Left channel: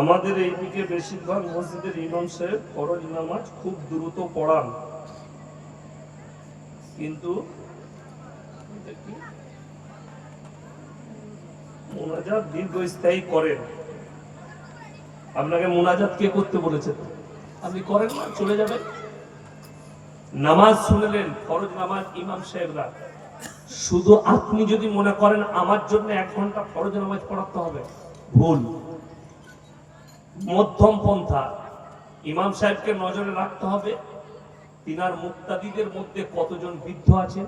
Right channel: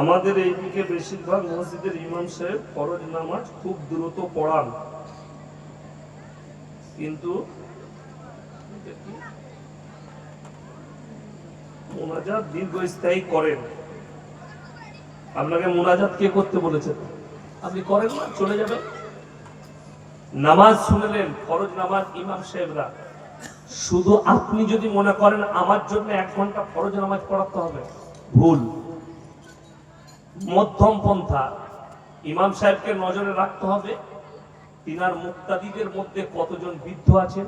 আমাদের এইদিকে বেশিরভাগ মসজিদের ইমাম সাহেব ফরজ নামাজ খুব দ্রুত পড়ান, কিন্তু মুনাজাত দীর্ঘস্থায়ী করেন। আপনাকে মুনাজাত কে করতে বলেছেন? আপনি করেন না, চলে যাবে। নামাজ শুনলেন, ফরজ নামাজ ইমাম সাহেবরা, শুধু আপনি যদি মনে করেন আমার জন্য 1 ঘন্টা ফরজ নামাজ পড়াতে হবে, ভুল। মধ্যম পন্থা, ইমাম সাহেবকে নজরে রাখতে হবে তিনার মুক্তাদিদের মধ্যে কতজন বৃদ্ধ আছে,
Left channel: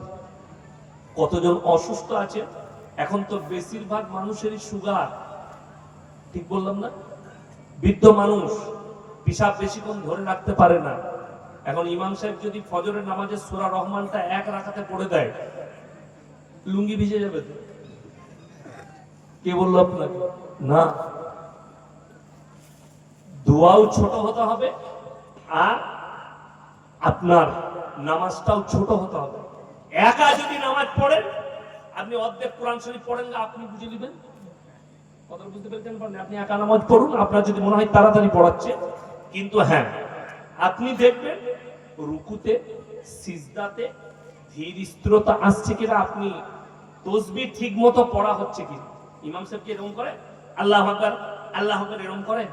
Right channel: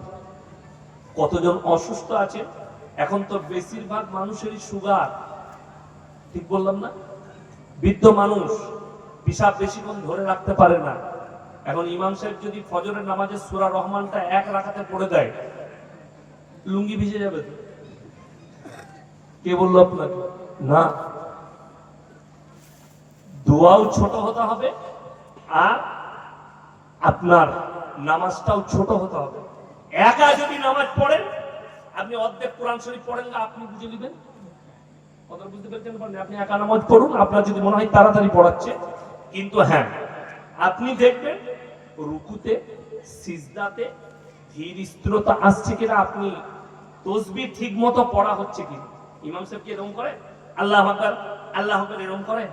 কতজন অসুস্থ আছে। এখন তো বেশিরভাগ মানুষেরই সুগার, ঠিক বললাম না? বৃদ্ধ মানুষ পিসাব বেশিক্ষণ ধরে রাখতে পারে না। এখন ইমাম সাহেব যদি ফজরের নামাজে সূরা রহমানটা 1 রাকাতে পড়ে দেয়, লুঙ্গি ভিজে যাবে তো? কে বললো আপনাকে? না, দোয়াও ছোট হতে হবে আর আপনার নামাজটাও ছোট হতে হবে। একা যদি নামাজ পড়েন, আপনি অর্ধেক কোরআন শরীফ পড়েন না, আপনি বুঝে নেবেন। কথা বুঝতে পেরেছেন? আপনি একা নামাজ পড়ুন, আপনার যদি মনে হয় তাড়াতাড়ি পড়াচ্ছে, কিন্তু হ্যাঁ, আপনি দেখবেন রুকুতে সিজদাতে ধীর স্থিরতা আসছে কিনা, আপনি তাসবিহ ঠিক মতো পড়া হচ্ছে কিনা। ইমাম সাহেব কি এরকম করে? আল্লাহু আকবার আল্লাহু আকবার এরকম করে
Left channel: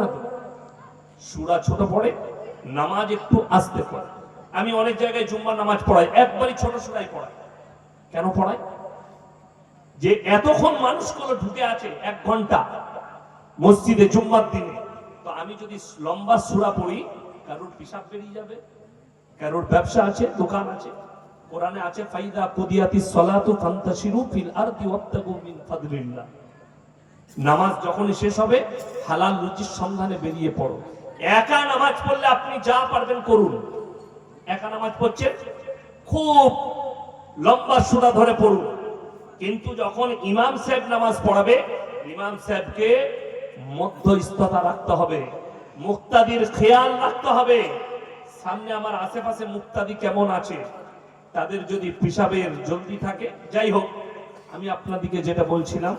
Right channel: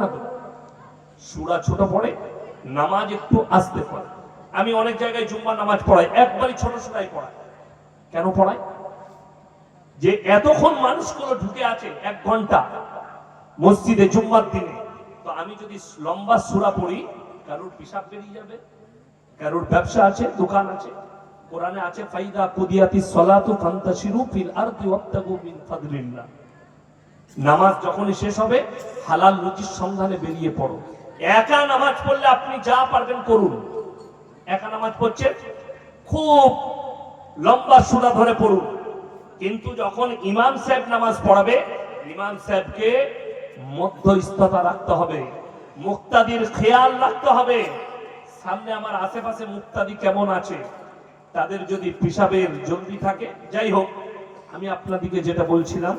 না তো? সূরা ছোট পড়ে, নামাজ একটু আস্তে পড়ে। আমি অনেক জায়গায় জুম্মার নামাজ পড়াই, একবারই ছোট সূরাই পড়াই। কেন পড়াই? যে এতক্ষণ মানুষগুলো ঢুকে আছে 1 ঘন্টা মসজিদে জুম্মার দিনে, তো আমি যদি লম্বা সূরা পড়ি, কারোর পিশাব বেরিয়ে যাবে, কারোর ব্যবসা আছে, দোকান আছে। কোরআনে আছে ফাইদা কুদিয়াতিস সালাতু ফান্তাশিরু ফিল আরদি ওয়াবতাগু মিন ফাদলিল্লাহ। নামাজ যখনই শেষ হবে, হালাল রুজির সন্ধানে বেরিয়ে পড়ো। একা নামাজ পড়লে আপনি যা পারবেন করুন। একা নামাজ পড়ছে, খুব লম্বা সূরা ধরে পড়ুন, কিন্তু যখন ইমাম সাহেব নামাজ পড়াবে, ইমাম সাহেবকে মধ্যস্থতা রাখতে হবে, মুক্তাদির খেয়াল রাখতে হবে। সামনে আমার আশেপাশে মুক্তাদি কেমন আছে, তাদের যদি পিশাবের জলদি থাকে, যাই হোক, আমি আপনাদিকে যেটা বলছিলাম,